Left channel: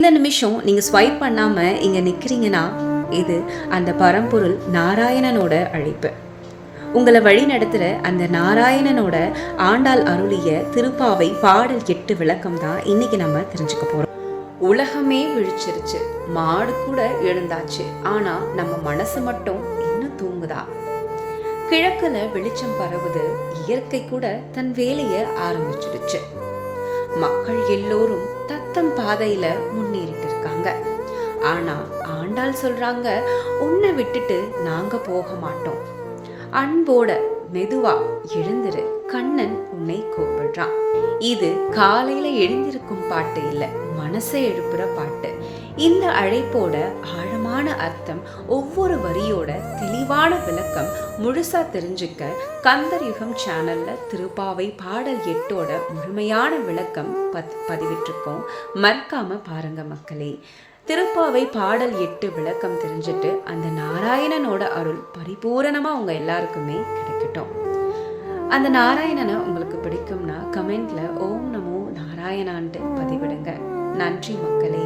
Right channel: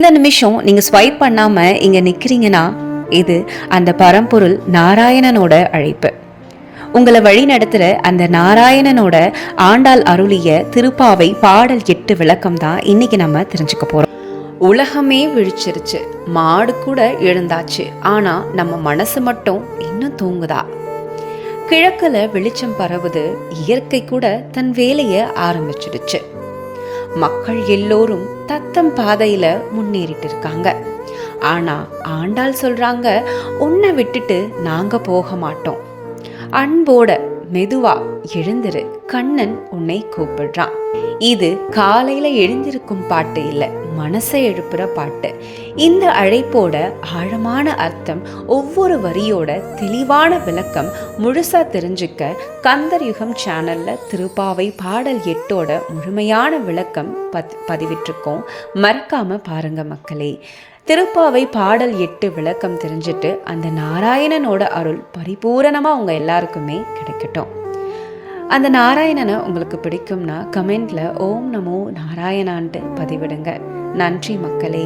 இந்த நிமிஷம் நீங்க ஸ்வைப் பண்ணாம இங்க நிக்கிறீங்கன்னா இது அந்த பரம்பொருள் நாராயணனோட அழைப்பு. உங்களை வழி நடத்துற அந்த நாராயணனோட ஆண்டாள் அருளிய திருப்பாவை பாடல் 8 விளக்கம் தான் இன்னைக்கு நம்ம தெரிஞ்சுக்க போறோம். உலகமே விழிச்சிருச்சு, மாடு கூட எழுந்தாச்சு, ஆனா நம்ம மனசு மட்டும் இன்னும் தூங்குதா? கிழக்குல வெளிச்சம் பரவுது, இயற்கை கூட தன் வேலைய ஆரம்பிச்சிடுச்சு. மக்கள் எல்லோரும் தத்தம் பாதையில முன்னேறிட்டு இருக்காங்க. ஆனா ஆண்டாள் சொல்றாங்க, உன்னை விட்டுட்டு நாங்க போக மாட்டோம். அன்போட மெதுவா எழுந்திரு, கண்ணன் உன்னை கூப்பிடுறான். இது காலையில எழுந்திருக்கும் பாட்டு இல்ல, மனசை எழுப்புற பாட்டு. இந்த அழைப்போட ஆழமான அர்த்தம், ஒவ்வொரு வரியோட தெளிவான விளக்கம் முழுசா தெரிஞ்சுக்க கந்தர் யுகம் சேனல்ல திருப்பாவை பாடல் 8ஓட முழுமையான விளக்கம் பதிவிட்டிருக்கோம். மறக்காம பாருங்க மக்களே. திருப்பாவை பாடல் 8 விளக்கம் தெரிஞ்சுட்டு அந்த நாராயணனோட அருள் பரிபூரணமா உங்க எல்லாருக்குமே கிடைக்கட்டும். அந்த நாராயணனை உங்களுக்கு பிடிக்கும்னா கமெண்ட்ல ஓம் நமோ நாராயணான்ட்டு பதிவிடுங்க. நன்றி மக்களே.